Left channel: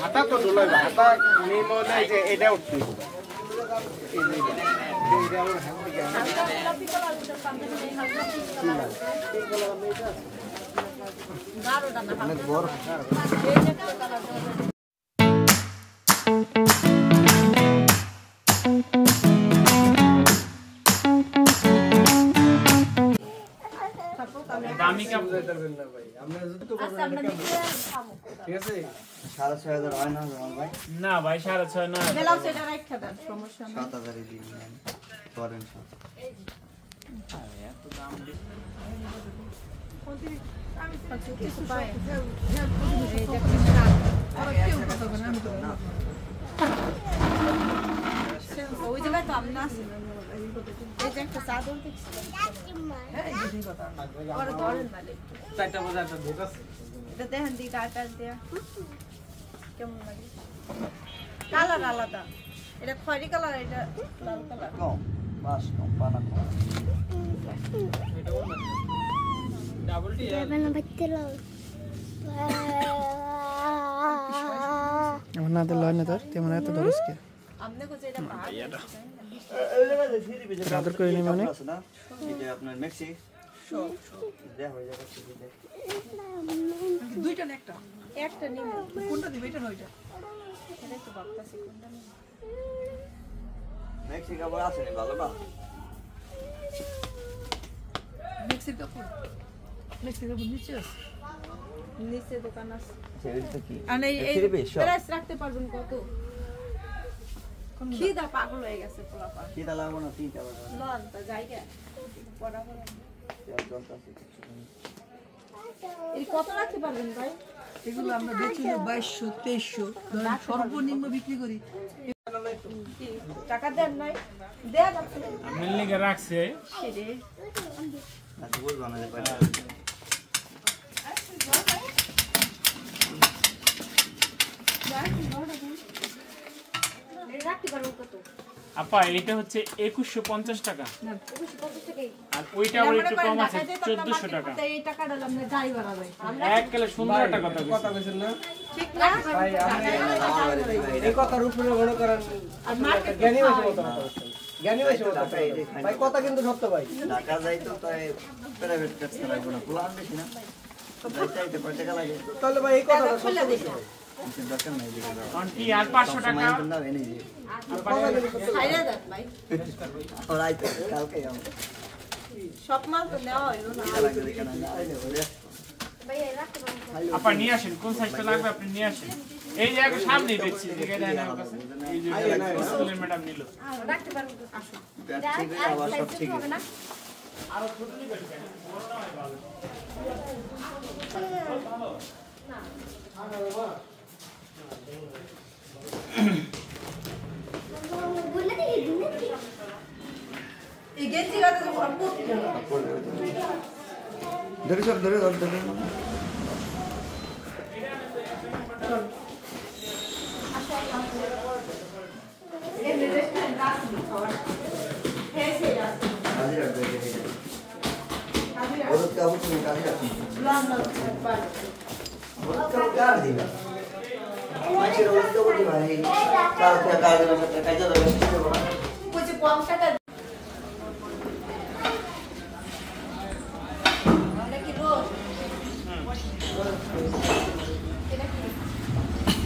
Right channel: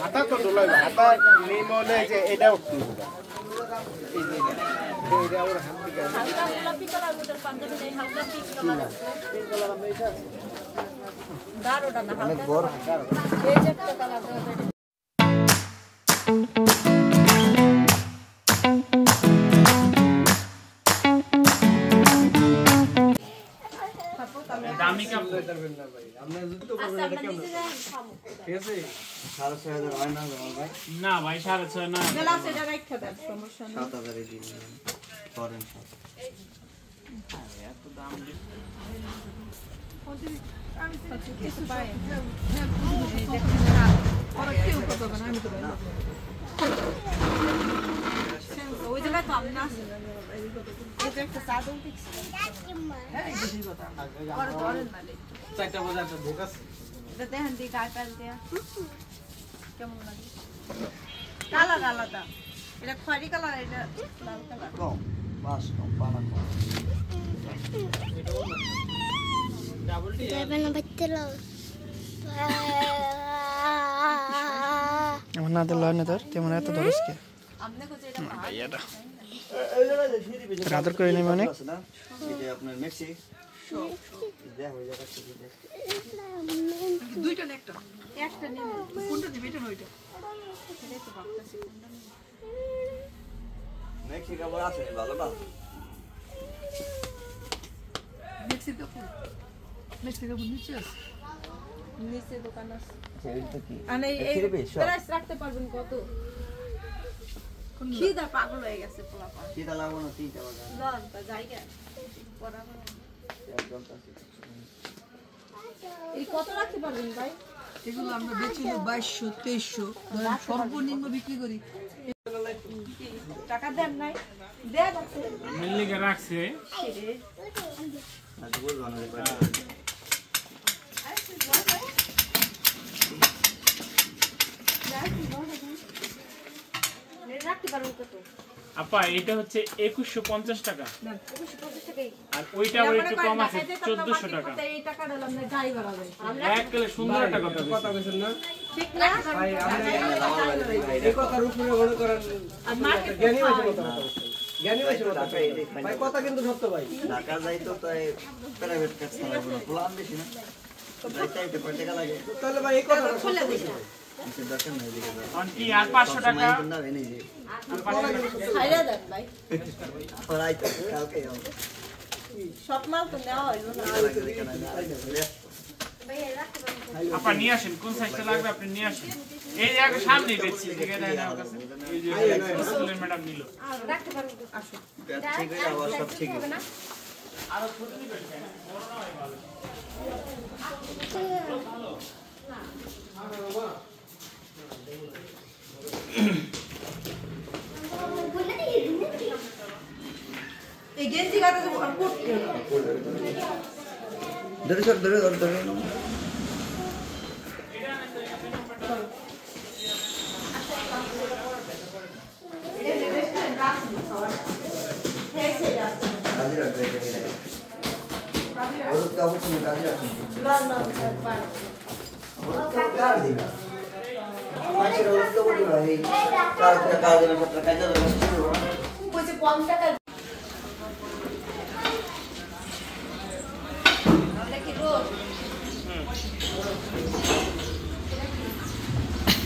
হাতা তো দোলাই হাতা মেন হলে যে এটা উঠতে হবে এইটা ওর হাত থেকে হালকা গোলাপি কালার ওটার পাঞ্জাবি নেই হালকা পিঙ্ক কালার পিঙ্ক কালার আমরা এটা দারোটা না হালকা বড় এই যে কালার দেওয়া যায় দামি কাপ দেবেন না ভাই আমরা যদি তো বলবো এটা কেমন ঠিক আছে 6500 হয় না ভাই না ভাই 6500 না বেলাও সেটা রাখা দেন সমস্যা নেই 7000 এ দিন করেন সব এত দাম দিয়ে আমি পাচ্ছি কিছু পাই এই যে আর কি উপায় হবে না আমি তো ওই জায়গা তো আমি না এই যে একটা সাদন ফিক্স হ্যাঁ এই যে কথা আর ধরেন মানে চারটা বাজার তো ঢোকাস এটা দেখেন দি কাটাল দিয়া কেমন লাগে কালো আলাদা এটা খয়রি কালার এটা লাল কালার কম বাস কম পানা কম এটা ওর না ডাবল টি যাবে না বাচ্চা লাও আমার না তো লয় না তোর কেমন এত দরস কে আমনে কোজে এটা ভাইয়াটা রাদর করে নেই মানে এই যে আপনার মেক্সি দেয়া হয়ে যাবে দুইটা না একটা নেব কোনটা দিবে এটা নয়টা এটা তো ভাবতাছি কোনটা নেব মেক্সি কাপড় আছে ভালো না মেক্সি কাপড় নিচে আছে নিচে দোকান আছে এটা কি আরে এই প্রেস রাখতে পারবেন কত খিদা পাগল হয়ে গেছে পোলাপা খিদা লাগো না ঠিক আছে না তো জায়গা পড়া পড়া এই কত রাখতে পারবেন ভাই এগুলো আমরা বেচিলে 2200 2300 সর্বনিম্ন বিক্রি করি টাকা দেন নাই দেয়া যাচ্ছে আমি লিখে রাখছে সেরে আর বল বানাতে পারি আপা এটা হচ্ছে 2150 টাকা না 2150 টাকাই আর ওইটা একটু কম আছে 1400 টাকা এই টাকাটা আমরা গাড়ি ভাড়া দেই এক কেলে সুন্দর একটা কথা কইছেন না ঠিক না ভাই এই কথার উপরে বড় করেন আর মার্কেট জ্ঞানী হইছে কথা জ্ঞানী হইছে টাকা এই ভাই কথা কিন্তু সত্য ভাই ঢাকা যাই তো তাই প্রাইভেট কাজ করা বড় প্ল্যান দিছি না যাইতে কয় টাকা লাগে তাহলে ভাই এই কথা খুলে দিছি দরকার নাই দিলে অনটি আর 500 টাকা না এনে দি খাইরা দেন ভাই ওরাই তো কালকে যাও সব মাল তো নেওয়া হইলো না ভাই এই রাখতে পারেন আপনি নিয়ে আসেন কোন সাইজটা লাগবে আপনি নিয়ে আসেন এই জায়গা সামনেই দেখছি দেখে নাই না কাছে এই যে স্কুলের ম্যাডাম নিল রাখতে পারেন আসুন ঠিক আছে আবার সব ঠিক আছে আর ছোট নিবেন কেন বড় না হয় ভালো না আর বাবা এই গেঞ্জি গাতে তো আপু ধরে সর ধরে না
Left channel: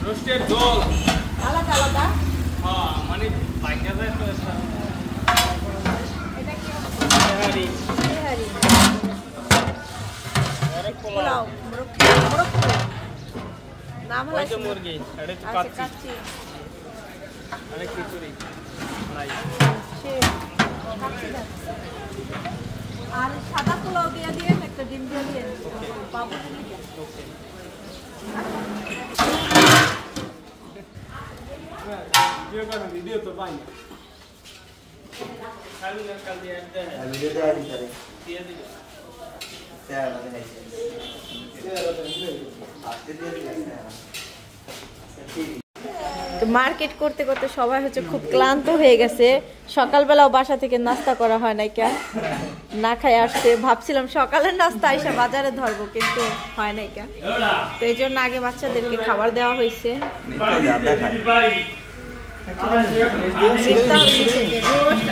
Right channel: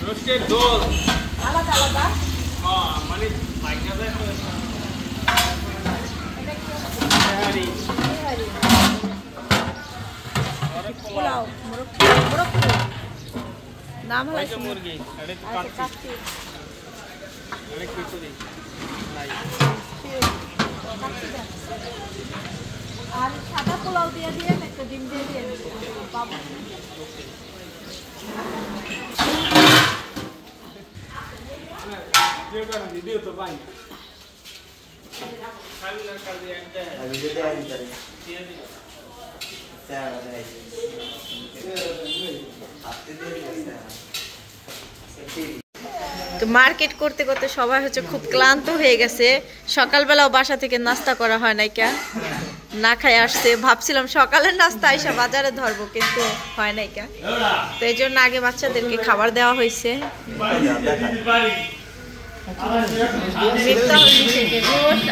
রোস্টেড গোল আলাদা আলাদা হ্যাঁ মানে পাইকা যায় তো এটা কি হাড়ি পোলাও মুরগি নাম হচ্ছে মুরগি এটা তো কাচ্চি আরে কি করি নাই কাচ্চি দাও আর সাদা পোলাও দিয়ে একটা ডিম দিয়ে বাবু video तो पाएंगे कल दिया वीडियो दे आई करे क्या है आपके दिए তো মার্কেট করতে করতে সবাই হচ্ছে খুব ক্লান্ত হয়ে গেছে সকালবেলাও বাসা থেকে নাস্তা করা হয় নাই কেন না খাই আসছে, ভাবছিলাম সকালের নাস্তা আইসা বাজারে ধরবো, কিন্তু হয় নাই কা, তো এই জন্য আগে বাচ্চাদেরকে খাবার দেওয়া হয়েছে।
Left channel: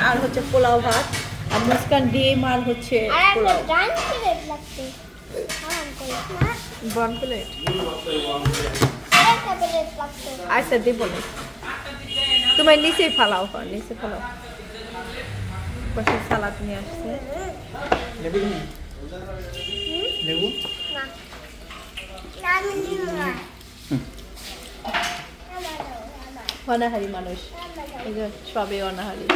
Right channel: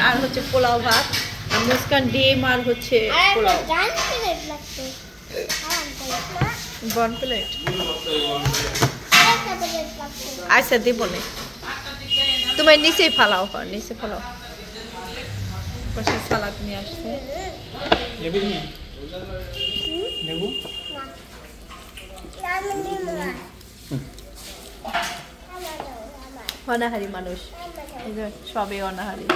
আর হচ্ছে পোলাও ভাত, আর মুস্কান ডিম, আর হচ্ছে পোলাও। বন প্লেট আচ্ছা দিব না, তোমার নিচেই ফালাও, নিচে ফালাও। পাশে সালাদ নিয়ে আসছে। অনাহারি মানুষ, সবে অনাহারি।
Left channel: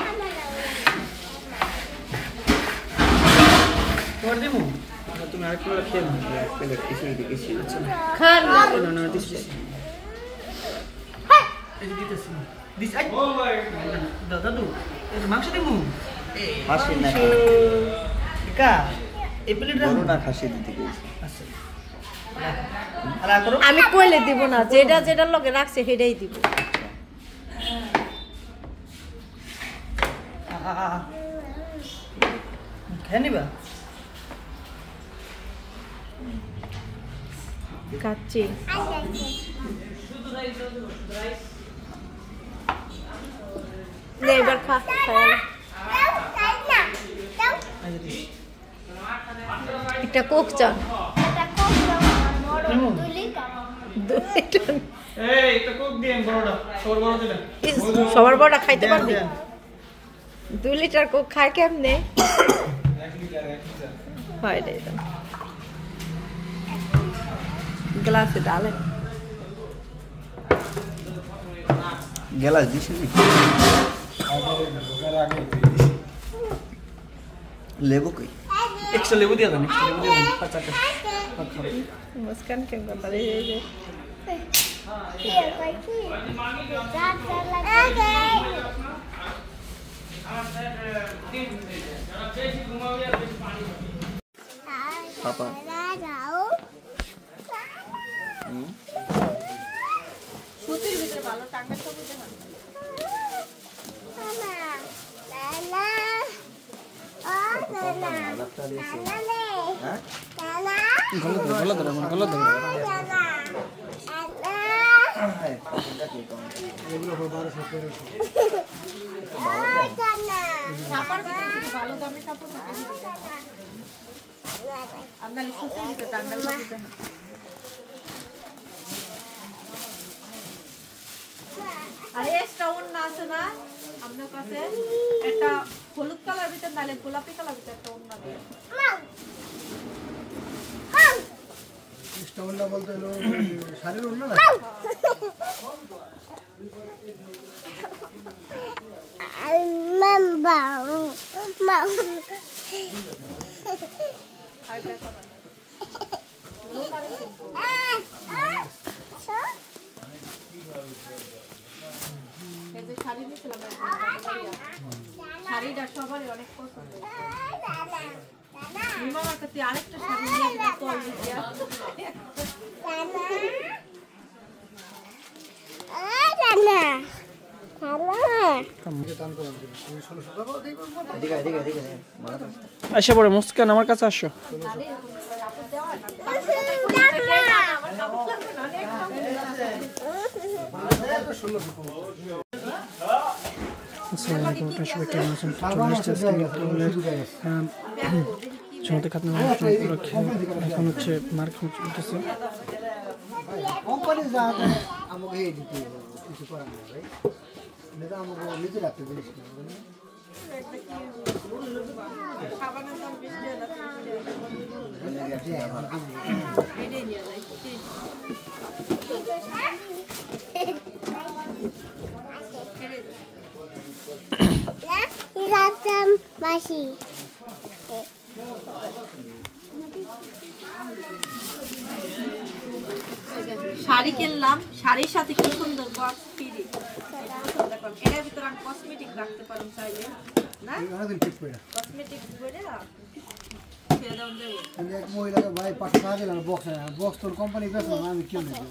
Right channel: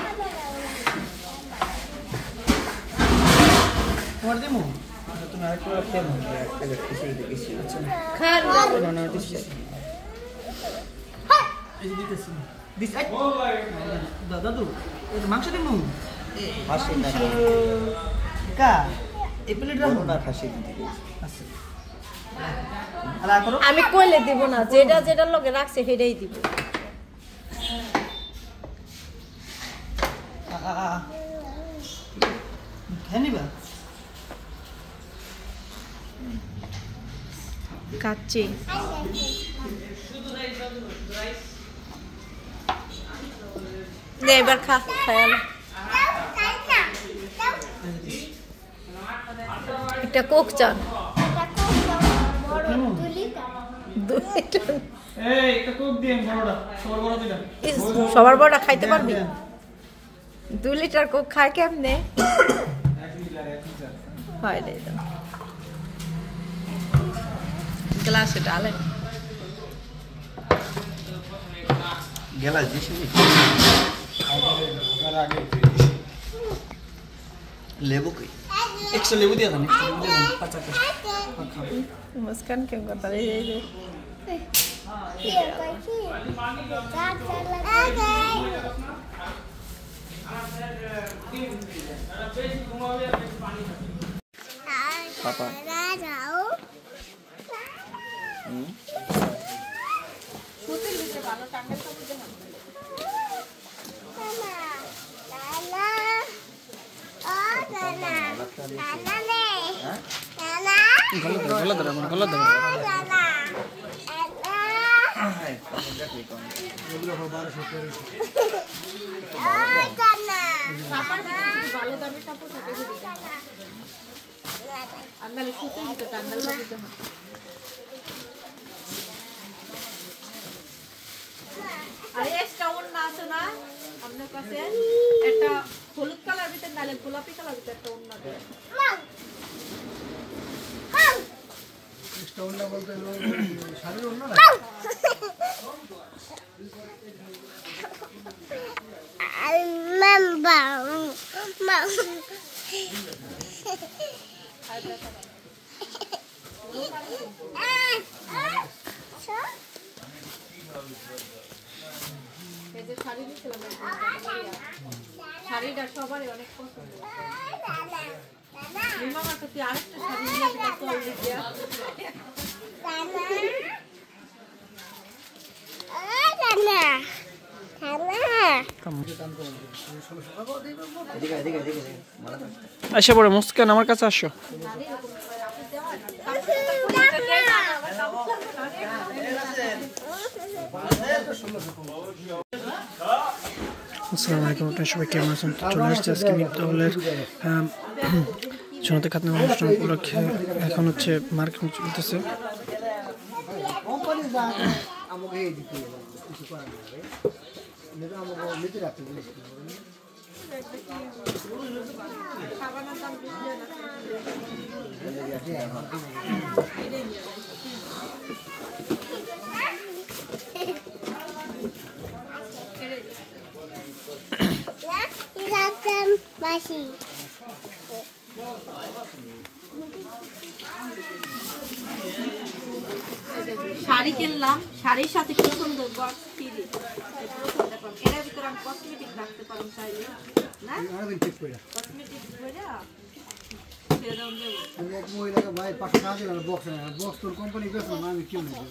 মাংস দেবো আমি কইলে দিব না, যেটা যেটার লগে রাখছে সেটাই দিব। কাচ্চি এবার খা, খায়াল একটা কোক চান, সবার বড়টা খাইতে পারবি? 2 লিটার কোক খায় কেমনে? হয় রে, গ্লাসে ডালে গেলা দিছি লেবু কই এক্সট্রা লেবু দিয়া দাও, মুস্কান কেন কথা রে রে পাপা সুতির ভিতরে ভালো টাঙ্গা ছবি দেন ভালো দামে কাপড় আপনার সুতির ভিতরে টাঙ্গাল ছবি দেন। আর এক্সট্রা ওন্না আছে না আপনার কাছে? একটা হলুদ কালার ভিতরে নালে গোলাপি কালার ভিতরে একটা ওন্না দেন। এক্সট্রা ওন্না বলতে শাড়ির ওন্না না? শাড়িটা সবারই অনেক পছন্দ। মামার কাছে আরেকটা শাড়ি নিয়ে আসা পড়ে মুস্কান আমার কাছে আসো। আসসালামু আলাইকুম, আপনারা সবাই কেমন আছেন? চলে আসছে আজকে মিফতাহুলের জনতা খাতনা অনুষ্ঠান উপলক্ষে। এখন হচ্ছে মার্কেট চলতেছে। শাড়ি কিনলাম, শাড়ির সাথে কি সুন্দর বক্স ফ্রি। এর ভিতরে আমি কসমেটিক রাখতে পারি চাইলে না? কসমেটিক বলে ফেলে দাও দেব। এক মহিলাকে ভাই 500 টাকা দিলাম বক্স, বক্স তোর কোম্পানি গেছে না, আমি কিনে দেব।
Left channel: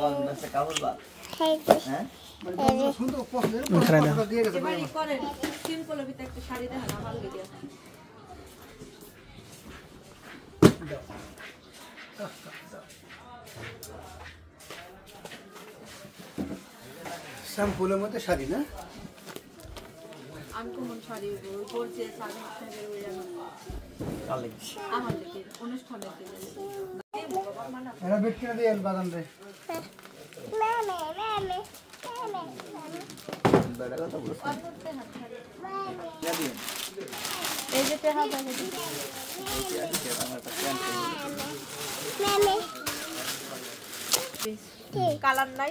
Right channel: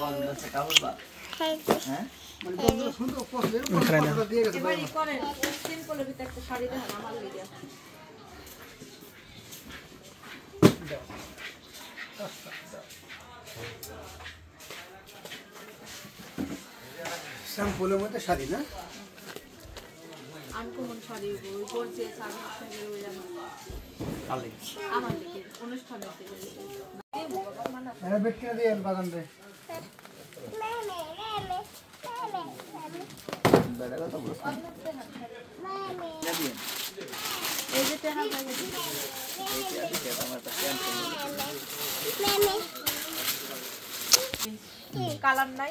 বল না কাবুল বা হ্যাঁ মানে সুন্দর পছন্দের দিয়ে গেছে। এবারে করেন সিম্পলের ভিতরে একটা শাড়ি দেখান আমার লিগে। শ্যাম্পুলের মধ্যে শাড়ি না আনকমন শাড়ি ওই পরছে সাগরের সঙ্গে ওই আমার দিকে অনুষ্ঠানের দিকে এটা বিক্রি দিয়ে বাগান রে বেড়া কথা বলছ এই যে টেহা দাও কালার নাই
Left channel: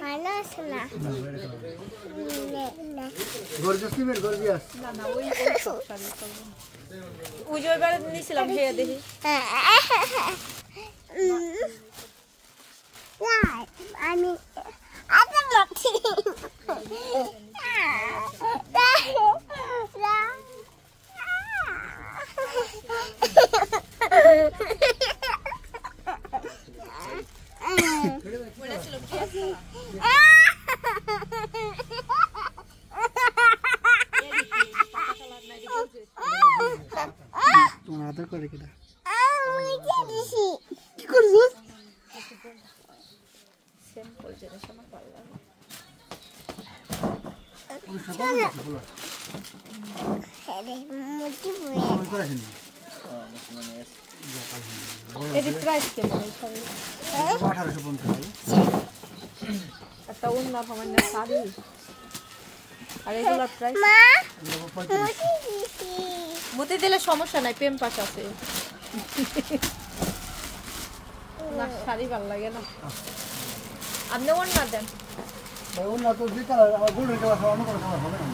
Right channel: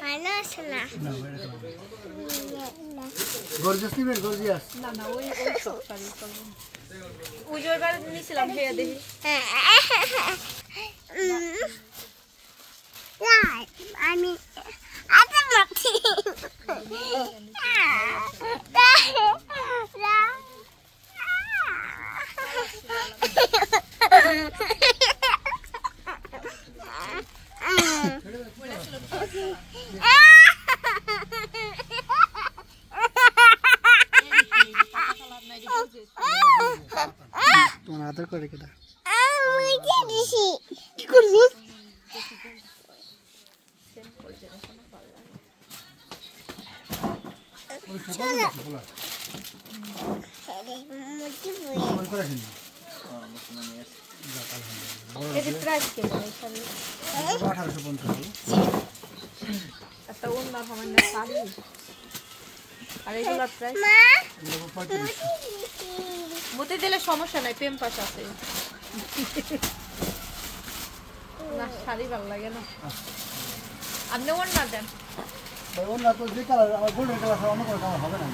গর্জিয়াস নিবেন গর্জিয়াস না না ওই সব শাড়ি চলবে ওই যে এবারে নিয়েছিলাম সে দেখি আমি তোমার আদর করে কেটা কি করছিস ওই সকালে দেখি বলো ফোন করে আসেন এর প্রাইস কেমন এই শাড়ি 1850 একটা অন্য সামান্য শাড়ি আর এগুলোর প্রাইস মতে দিলে সমস্যা নাই প্রেম পাশ আছে না শাড়ি ভালো লাগে না আপনি অন্য দেন ওনা তো যে কালার আমার গোল্ডেন কালার খাওয়ানো করে হবে না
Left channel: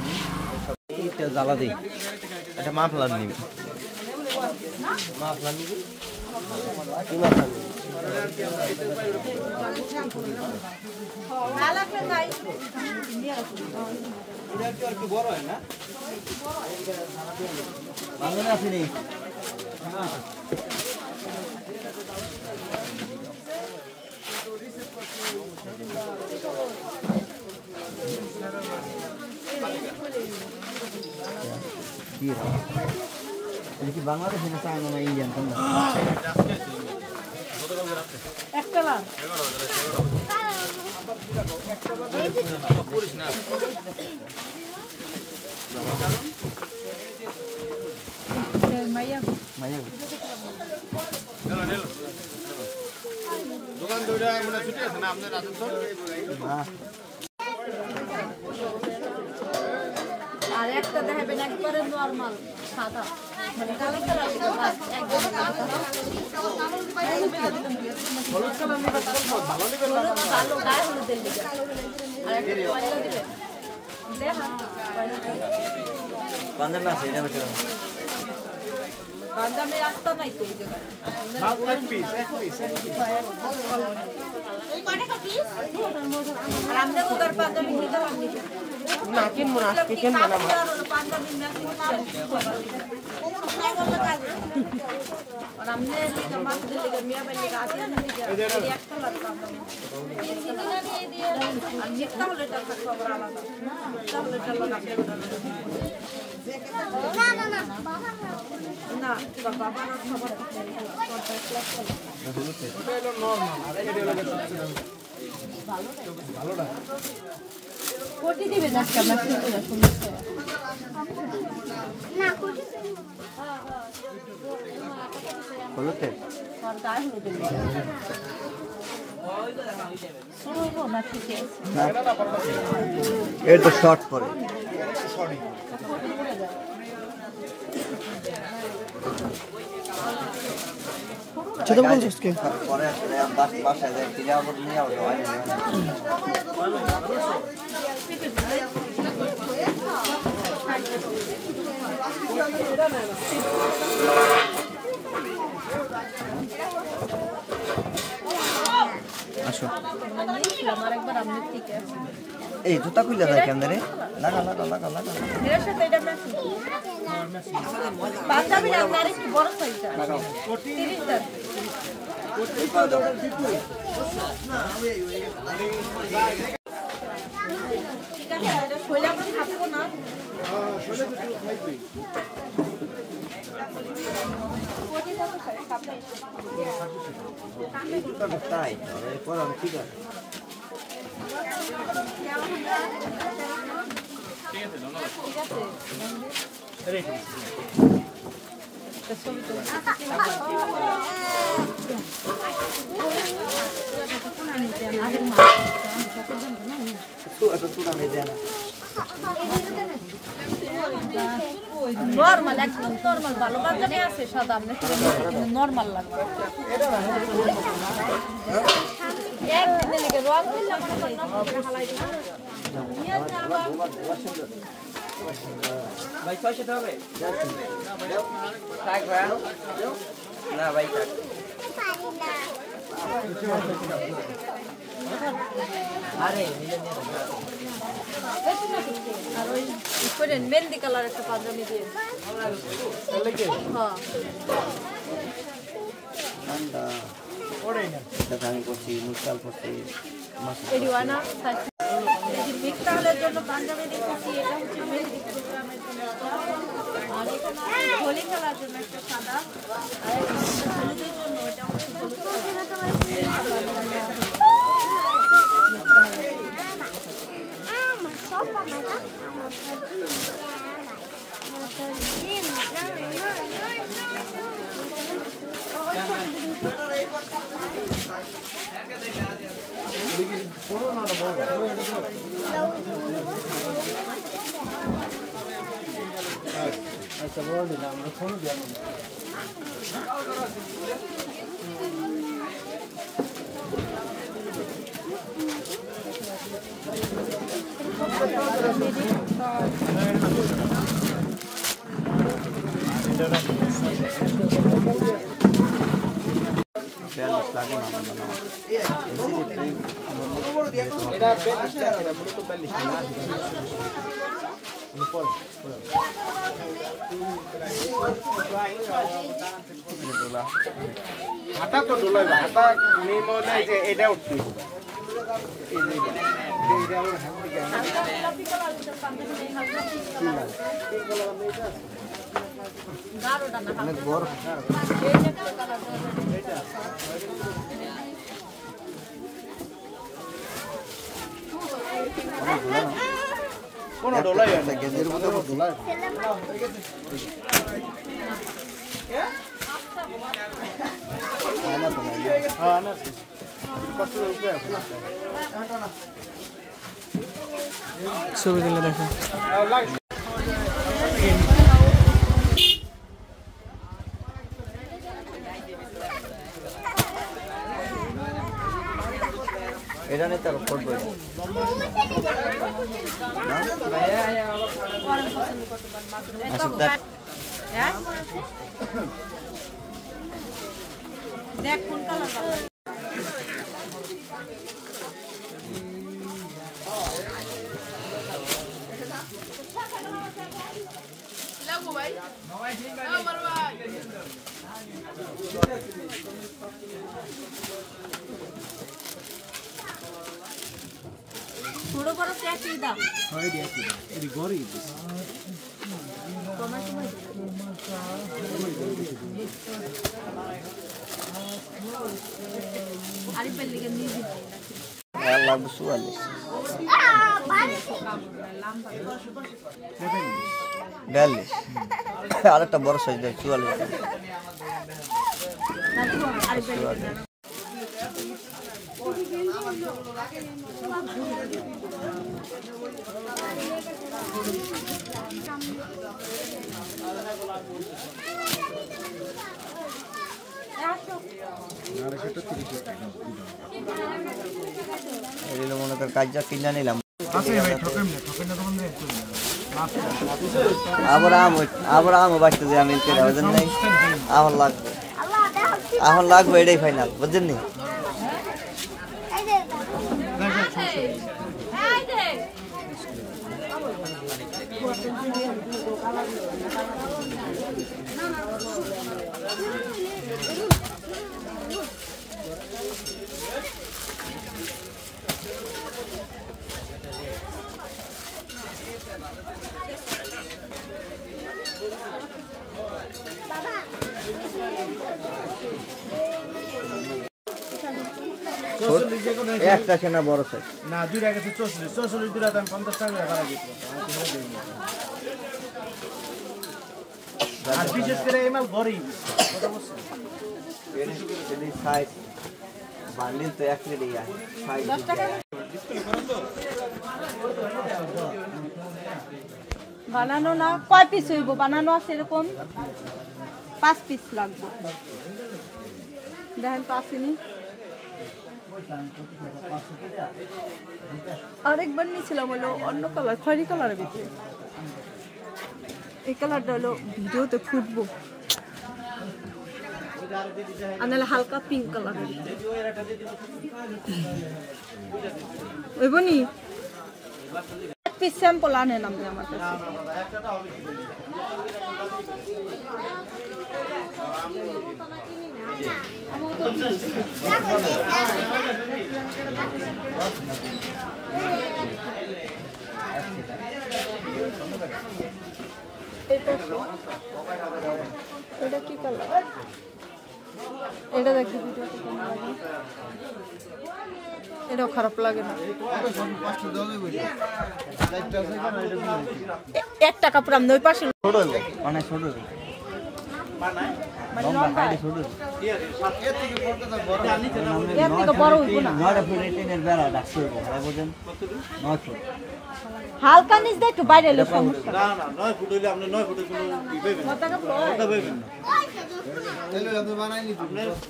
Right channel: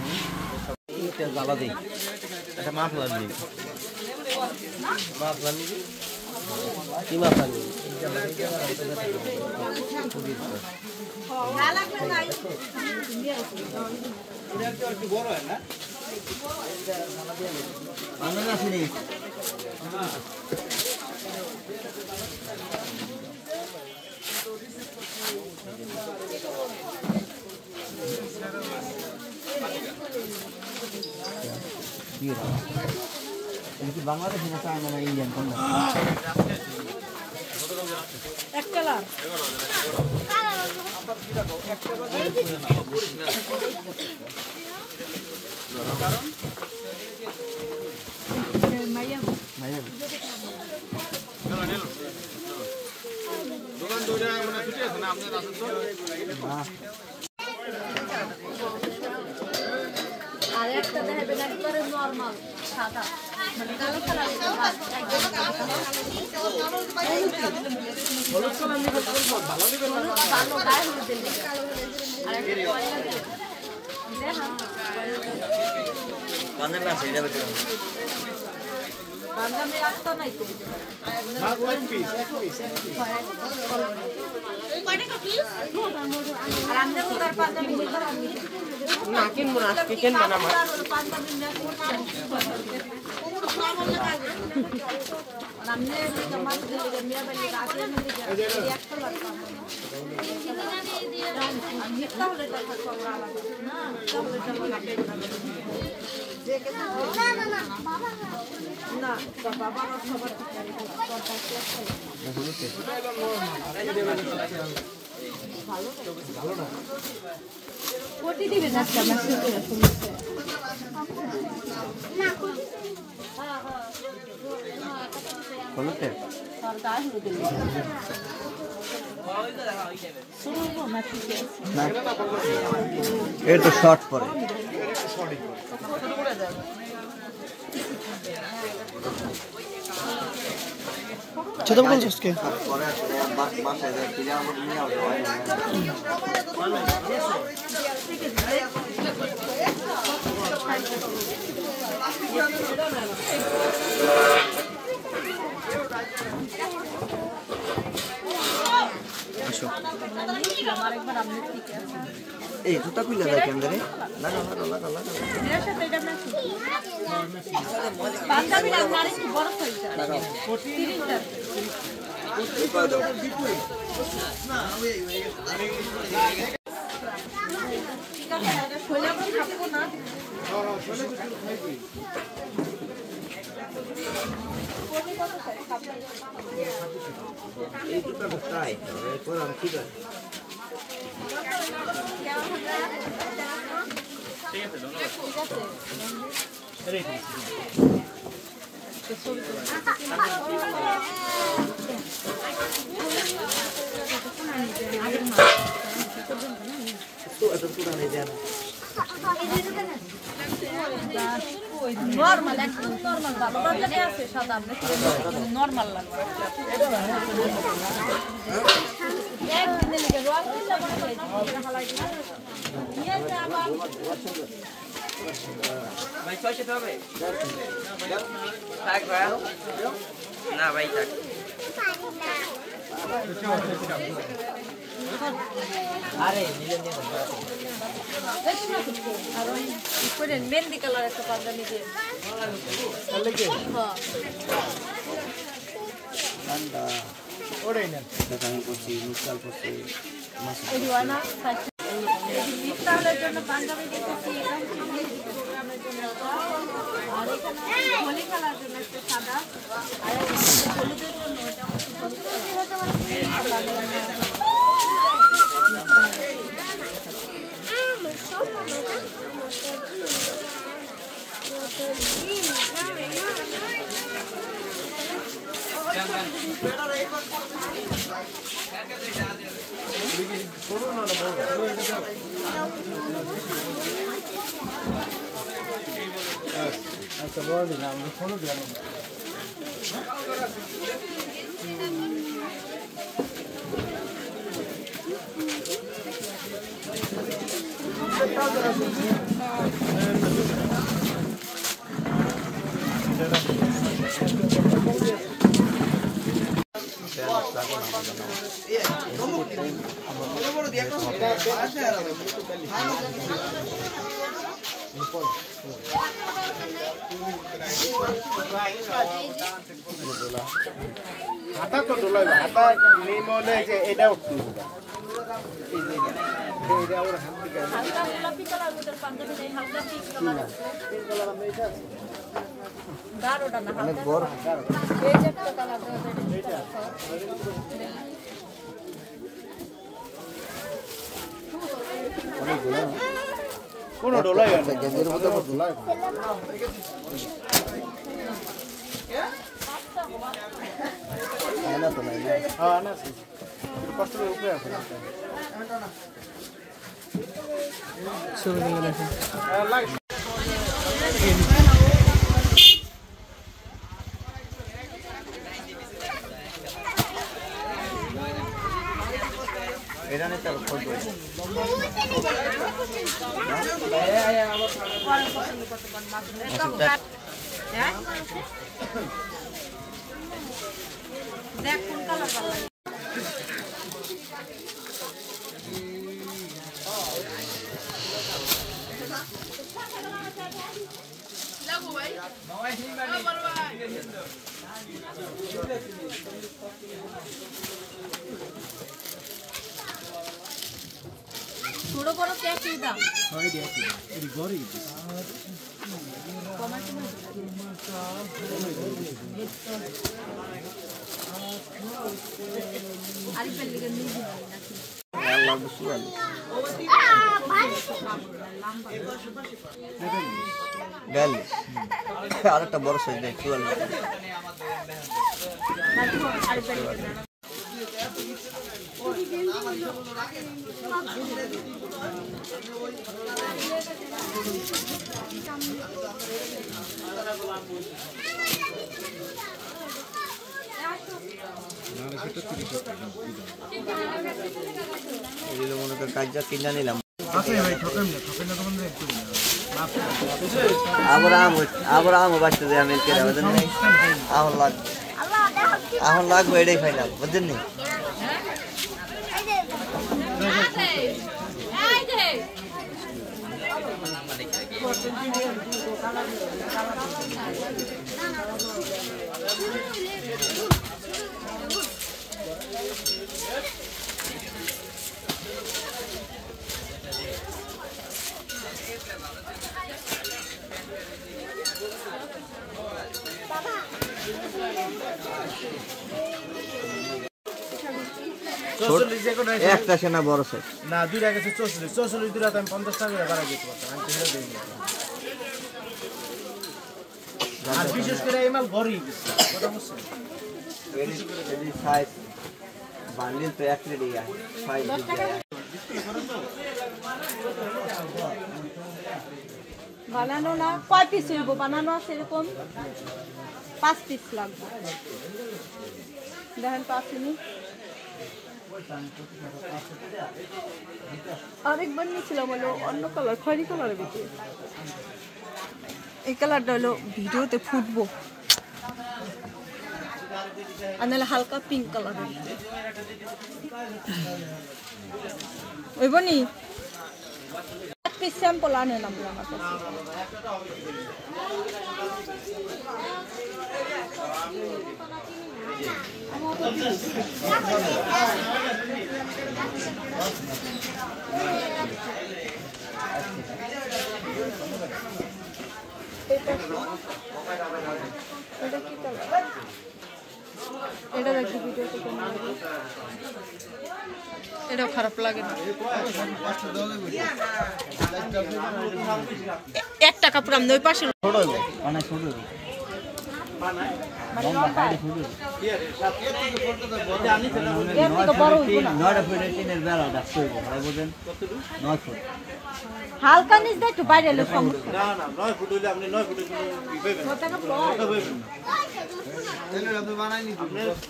এইটা জ্বালা দেই এটা মাফলার নিবি মাফলার নিবি কি মাফলার নিবি না লাগলে নাই একটু বড় হয় না বাংলা আসেনি বাংলাদেশ না চায় না ইন্ডিয়ান কোনটা এক কালার মাইয়া মাইয়া দোকান দুইটা মানে ছুটি আছে না আপনি আসেন তো আর একটা দেখাবেন একবারে নরমাল সাদা মানে কালো কালার একদম কালো গায়ে হলুদ দিন পাঞ্জাবি আছে এটা বেটে পাঞ্জাবি রাস্তা নাই তো আর আমনে ওটার পাঞ্জাবি নিলাম আমি না কিনবো আজকে কিনবো না পাঞ্জাবি ম্যাচিং আর আমনে লিগা মাছ দিলে মিয়া বালি গাছে না দিকে একটা লাগতো আমি একটা হলে টাকা খবর আলাদা না তাহলে চলো না বাবার খবর কোটি দিবে না হলুতে এর তো শর্ট পরে ছোট বলছিস কে পরে বাসায় যাই কিনে আমার নিয়ে এই জুতা পিলা যায় কেন রে লাগা লাগা লাগা লাগা পাঞ্জাবি লাগবে আর একটু বড় সাইজ খাবো না কোটি কত এই জুতা তাই এরপর আমি কি করি ঠিক আছে এত সুরা নেই দেন নরমাল একদম নরমাল ভালো বাজারে আছে সাদা আমরা নরমাল লাগবে এক দিন থেকে রং দিতে ভাই 600 হবে থাক ভাই না ভাই থাক আরে করে মেহেন্দি কালার একটা পাঞ্জাবি দিয়ে ঠান্ডা ওরে না দাঁড়ান করছি মুছাল করছি ওই দিওয়ানা মিক্সালের জন্য পাঞ্জাবি দিতেছি এটা হচ্ছে মেহেন্দি কালারের জন্য আর এখানে হোলি কালার জন্য একটা সাদা আর হলুদের জন্য এটা হচ্ছে হলুদ আচ্ছা বড় দিন আমরা ফোন দিলাম হাতা তো দোলাই হাতা নেই বলে যে এটা উঠছে হালকা গোলাপি কালার ওটার পাঞ্জাবি নেই হালকা পিঙ্ক কালার আছে গাঢ়টা না হালকা এই যে একটা কালার দেওয়া কোন দোলাই গেঞ্জের মধ্যে দোলাই আনা তো নাই হ্যাঁ না কষ্ট রূপে আছে ছবিগুলো দেখো এটা নিতে করবে দেখ কোন কালার ভালো ছোট বড় কি একই দাম হয় দিয়া কি এই গরি আরে পেলিকে নিয়ে লাগবে সুয়ালি ডাল আরেকটা বড় সাইজ দেয় সুয়ালি এগুলো মনে কর কাজটা কিনে নিলাম আছে ভাই ঠকেন না তখন রেট করে আবার আম বাড়তে যে আমি কেনা বুঝেন নাই আমার লাগবে এটাই ফাইনাল বুঝছেন নি একটা সেনা বড় সাইজ না দুইটা গেছে 44 দিলে তো আমি 50 টাকা ভাড়া দিতে পারতাম আমি তো দেই আর বিশেষ করে এই মাল ভরি কথা বলছেন এর সাইজ বান্ডিল তো এক রেডি আছে 10 টাকা বানানো না কয় পিস হইব বানানো আছে এরকম 5 পিস লাগবে দেখেন তো আসেনি আরেকবার নিয়েছিলাম হলো অন্য কালার খয়েরি কালারের ভিতরে এই কালারটা হলো ভিডিওতে ফুটবো আর নাহলে হালকা পিঙ্ক কালার ওইবনি এক পিস স্যাম্পল আনেন আপনি আমার কাছে এটা কি কালার এটা দেখি ভিডিওতে কেমন লাগে এটাও খারাপ লাগে না 1 টাকা পুরো আমি ওই পাশে ছোট অনেক ছোট লম্বা সাইডে ছোট হালকা নিচ দিয়ে একটু বাইরে এলে সমস্যা না না 9 ফুট হইলে আপনি 9 ফুটে কোনো ই পাইবেন না কথা পাইবেন না এলে আপনি বানাইনি তো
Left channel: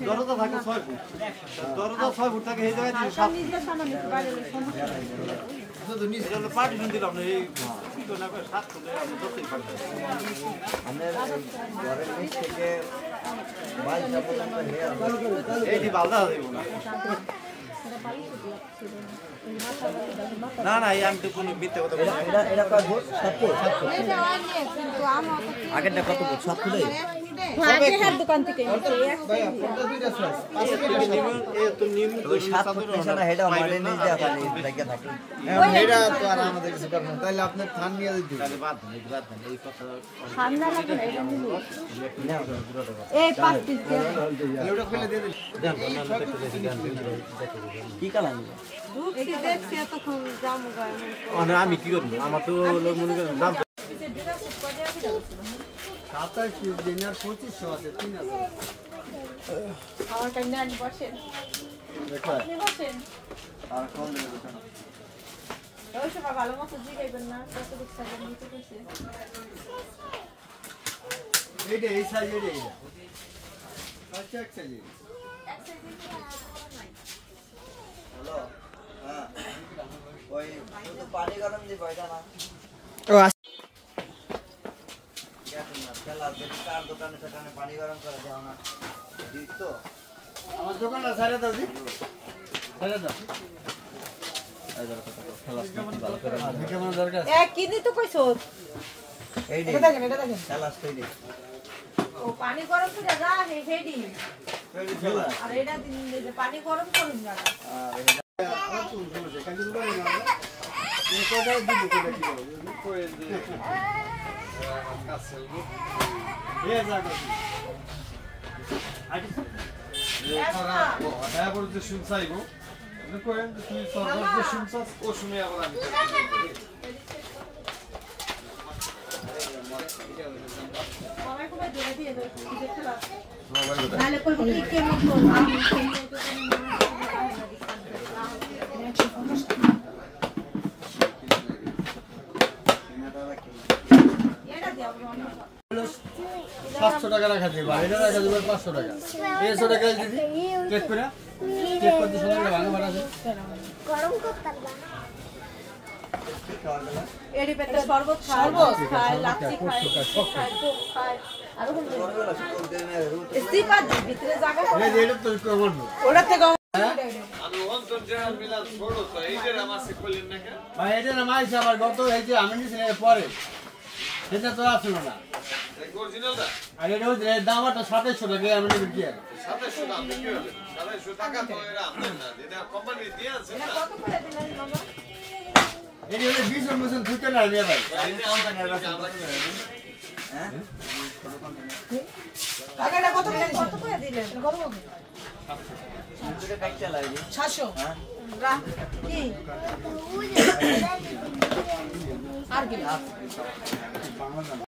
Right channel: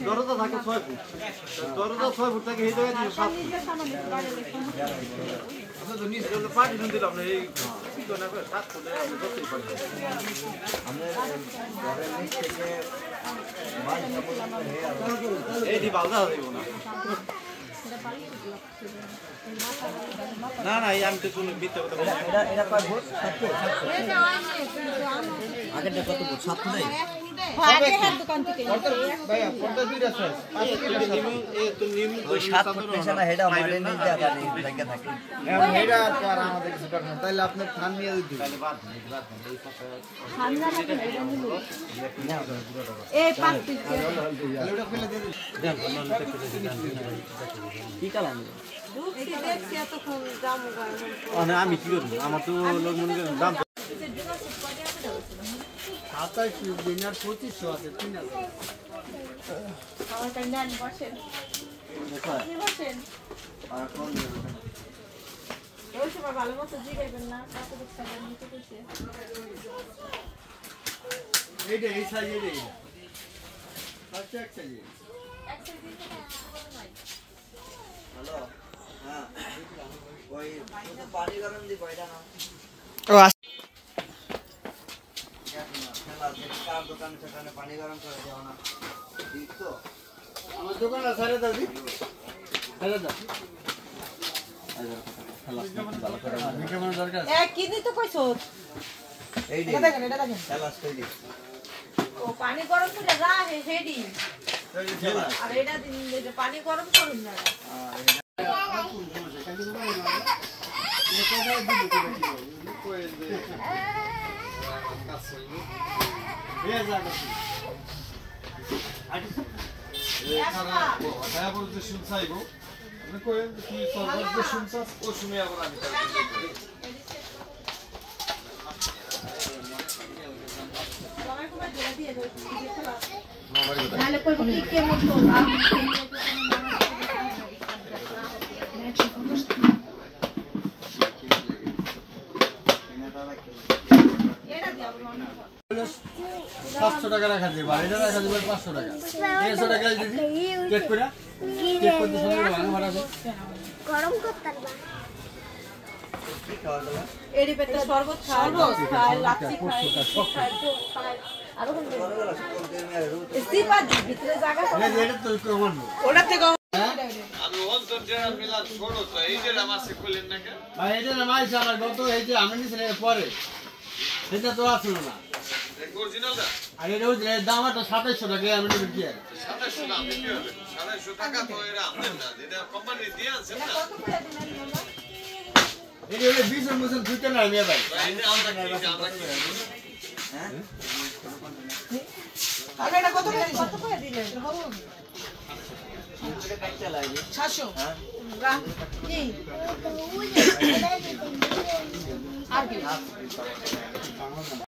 দরজা থাকে 6 ফুট দরজা 6 ফুট থাকে এই জায়গায় 7 নিচে সামান একটু বাইরে এলে সমস্যা তো নিচে হলো পার্টিশন দিলে আপনি এই কি করে না 7 ফুটে আপনি করতেই পারবেন আমরা ঘরের নিচ থেকে মাছ যাবো এই দি বালদা দিব না না না এই আংটি কোনো বিতে কথা এটা কয় ফুট 7 ফুট আগেরটা কত ফুট 7 ফুট আগে হাত দোকান থেকে ভাইয়া ফোনটা দুইটা স্যার আজকে থেকে নিম এই তো নিম ওই 7 ফুট পেছনে হেডা মারে নিচ দিয়ে খালি জায়গা থাকে এটা তো আর আমাদের কিছু করবে না তাহলে আপনি থান নিয়ে দিন তাহলে বাদ নেই এই কথা ঠান্ডা লাগে না এটা নিব এই 5 পিস তাহলে ওটা খুলে দিয়ে দিন কি কালার এটি দেখছি এতক্ষণ জামু গায় না আমি কি করব আমার তো লোক মনে করেন দাম খাতা কি দিনের 2500 আছে 3000 আমার টাইম না বসেন দেখো আপনি বসেন আর কোন দেব ওই সময় ভালো মতো জিগাইবেন না কত টাকা নিতে কইছে এইটা এই সাইজে এই আচ্ছা আচ্ছা জি হ্যালো হ্যাঁ ওই তো পানি গরম দি বাইটা না ও কার দোকানে সেখানে পানি গরম করে দাও না ঠিক তো আমার দোকানে ছেড়ে দাও জি ছেড়ে দাও কেমন দরকার এ কি দিতে কইছো এই এটা দেখেন খেলাস কই ও পানি গরম করে যা হে হেডি আর এটা দিন যে পানি গরম করুন না নালে কই কি কে মতো আমি এটা দাও 500 টাকা রাখা দিবা এটা রাখা দিবা 500 টাকা 100 টাকা দিদি চেক করে সময় ভাঙা ভাড়া আছে গরম করতে এডি পেটে শরবত খায় লাচ্ছি খায় খায় কোক খায় আর কোন স্টিপা দি ভিতরে জায়গা এটা তো কমন ওটা থেকে আমি অন্তর জেনারেল মিলার ছোট তো এই যে আমাকে কইলেন না কেন ভাই এটা না মাইছে আমার গত এই যে আমি নিছিলাম পরে এটা তো আসলো না অরিজিনালটা আর এটা ওই দামটা 2700 টাকা আমি নিব কি আর 2700 টাকা কি হলো 2700 টাকা তো এরা আমদানি না এটা কোম্পানি দিয়ে আছে না কত করে দিলেন বাবা এটা হলো 20 এর মতন ফুটে না নিয়ে ভাই এটা আমদানি আমরা কি হ্যাঁ টাকাটা কত করে দিলেন এটা কাটতে লাগে 700 হ্যাঁ কি আর কি